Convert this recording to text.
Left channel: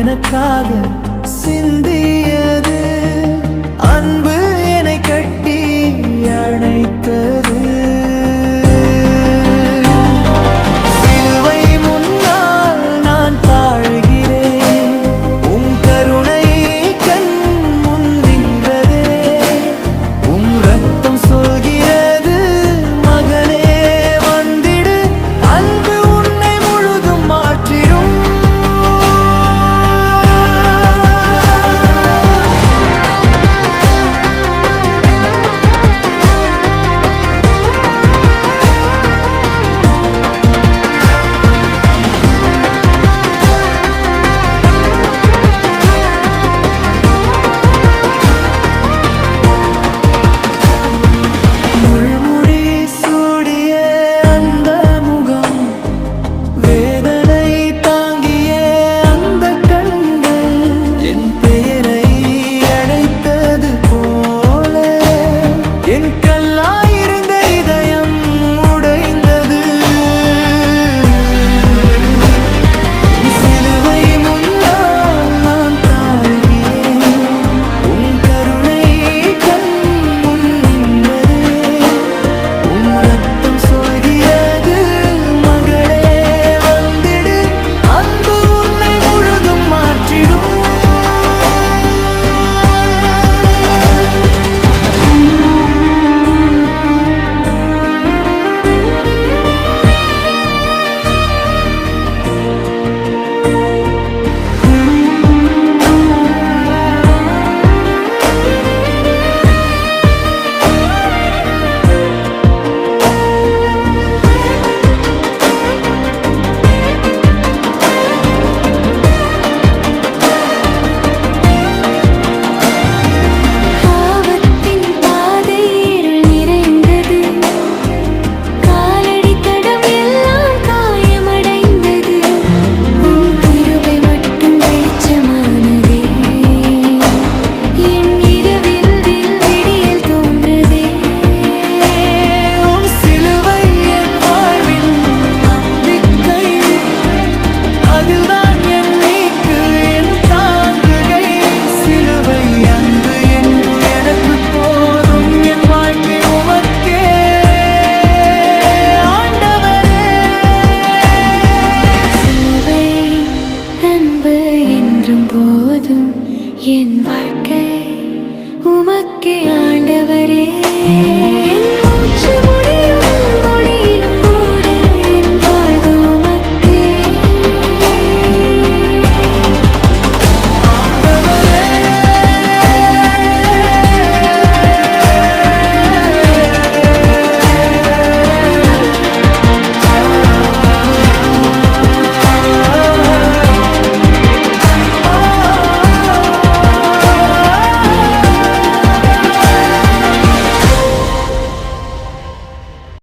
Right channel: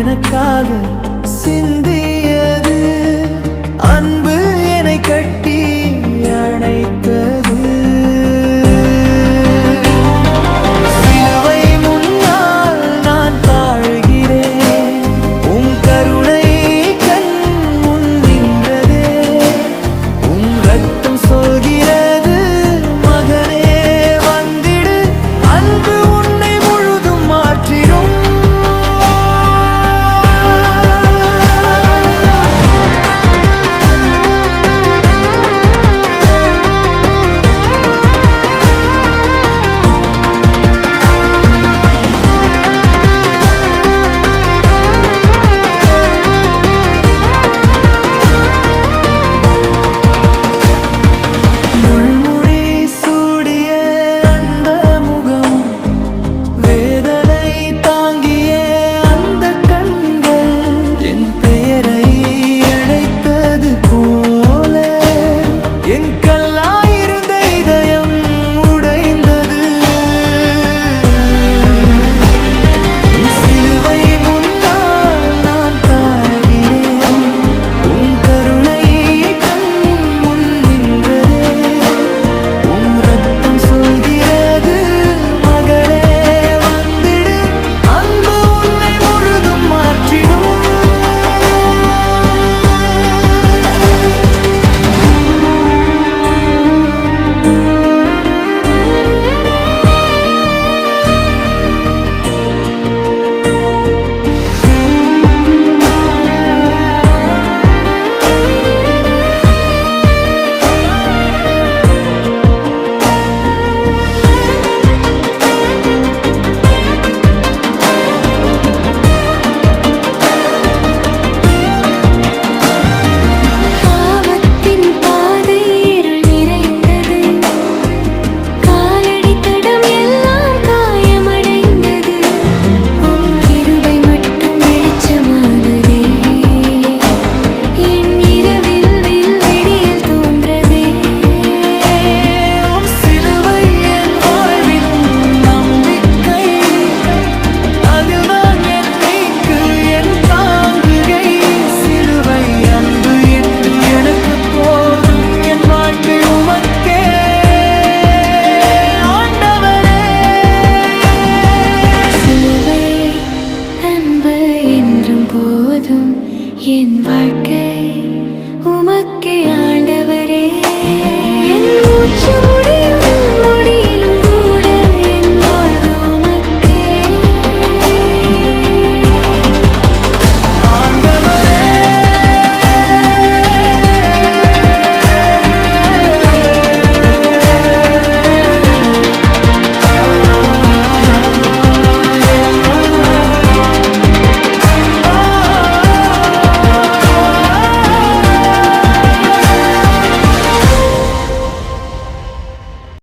எனக்காக சிந்தியது. அன்பு என்னை கட்டி அணைத்தது. சிலுவை முன்னால் நான் தாழ்கிறேன், உம் கருணை கண் முன் நின்றதே. உம் ரத்தம் சொல்கிறது, மகனே வந்திடு, அன்பு உன்னை முழுதும் மாற்றிடும். வேதனை தாங்கிய அந்த கண்கள் என் பெயரை அழைத்தது போல, என் கல்லாயிருந்த இதயம் உடைந்தது. சிலுவை முன்னால் நான் தாழ்கிறேன், உம் கருணை கண் முன் நின்றதே. உம் ரத்தம் சொல்கிறது, மகளே மாற்றிடும். அன்பு என்று எனக்கு போதும், என் வாழ்க்கை உமக்கே ஆண்டவரே. சிலுவை அன்பு என்றும் போதும், என் வாழ்க்கை உமக்கே ஆண்டவரே.